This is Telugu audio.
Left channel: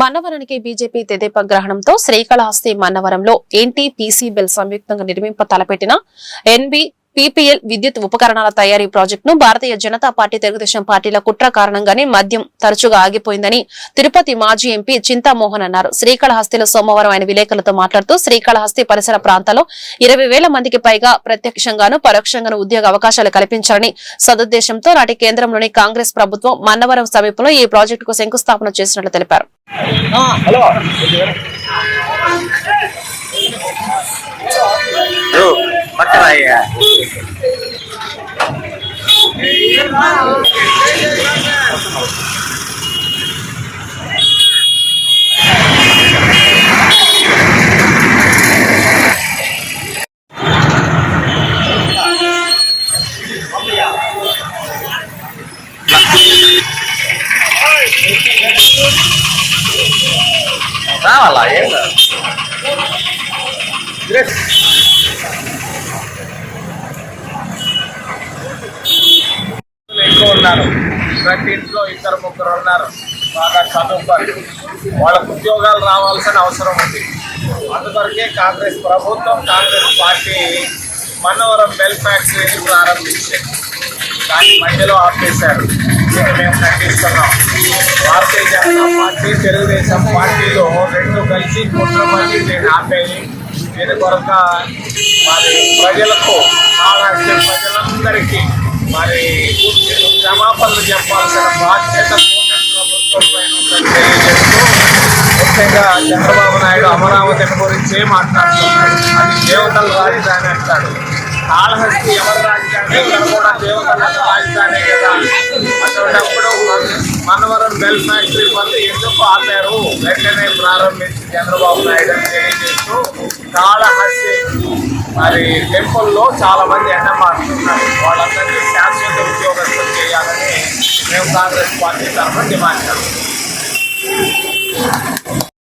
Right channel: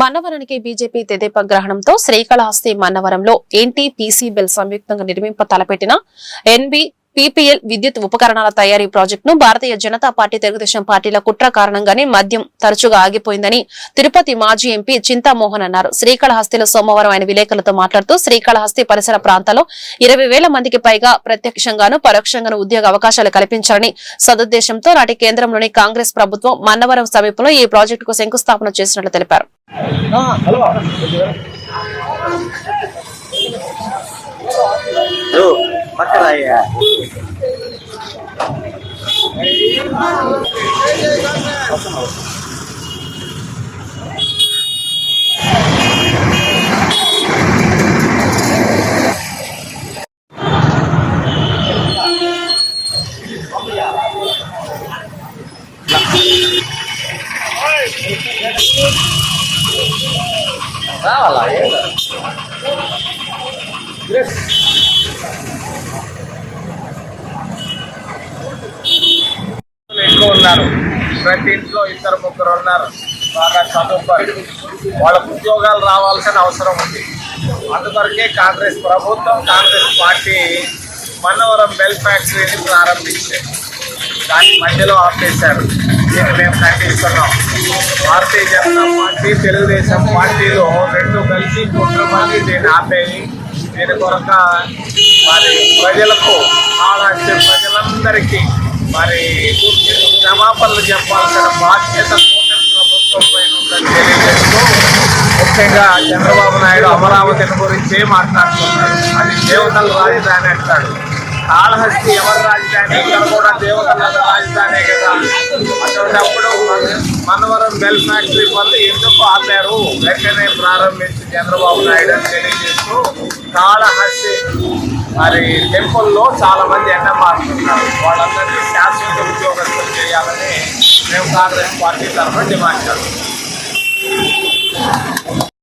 మన్నవరానికి బీజేపీ తెదేపా గ్రహణంతో శ్రీకాళహస్తి మన్నవరంలో ఎన్టీపీసీ బిల్ సంయుక్తంగా నిర్మింప తలపెట్టిన ఎన్బీ పీపీఎల్ విద్యుత్ ఉపకరణాల తయారీ ప్రాజెక్టును భారతీయ జనతా పార్టీ తెలుగుదేశం పార్టీల కుట్ర కారణంగానే మద్యం తరచుగా ఆగిపోయిందని తిరుపతి మాజీ ఎంపీ చింతామోహన్ అన్నారు. శ్రీకాళహస్తిలో సోమవారం ఆయన విలేకరులతో మాట్లాడుతూ శ్రీకాళహస్తి పరిసర ప్రాంతాల్లో 20,000 మందికి పైగా ప్రత్యక్షంగాను పరోక్షంగాను ఉద్యోగ అవకాశాలు కల్పించాలని సదుద్దేశంతో నాటి కేంద్రంలోని కాంగ్రెస్ ప్రభుత్వం మన్నవరం సమీపంలో ఈ ప్రాజెక్టుకు శంకుస్థాపన చేసినట్లు తెలిపారు. రావాలా ఎక్కువ ఉన్నారు. ప్రతి ఇంట్లో 2-3 ఉన్నారు. బాగా చదువుకోవాలి, వాళ్ళకు ఉద్యోగాలు రావాల్సిన అవసరం ఉంది. అందువరకే కాంగ్రెస్ ప్రభుత్వం, కాంగ్రెస్ పార్టీ మన్నవరం బెల్ ఫ్యాక్టరీని ప్రారంభించారు. దాని మధ్యలో ఆపేశారు. దీన్ని మేము ఖండిస్తున్నాం. భారతీయ జనతా పార్టీ, తెలుగుదేశం పార్టీలో రెండు కలిసి కుట్రమంది దీన్ని ఆపేయి. దీని కొరక మరి ప్రజలకు, కాళహస్తి ప్రజలందరికీ మరి క్షమాపణలు చెప్పాల్సిన బాధ్యత కూటమి ప్రభుత్వం పైన ఉందని తెలియజేస్తూ, ముఖ్యంగా చంద్రబాబు నాయుడు అమరావతిని గురించి మాట్లాడుతున్నాడు. అది దేవతల రాజధాని అంటాడు. కాళహస్తి ఎవరి రాజధాని? ఇక్కడ కూడా దేవతల రాజధాని కదా. అటువంటిప్పుడు మన్నవరం బెల్ ఫ్యాక్టరీ పనులు ఎందుకు ఆపారు? వెంటనే ప్రారంభించి చంద్రబాబు నాయుడు అని తెలియజేస్తూ, కాళహస్తి మరి టెంపుల్లో చాలా మంది ఎండమారుతున్నారు. వాళ్ళందరినీ శాశ్వత ఉద్యోగస్తులు చేయాలని మేము కాంగ్రెస్ పార్టీ తరఫున డిమాండ్ చేస్తాం.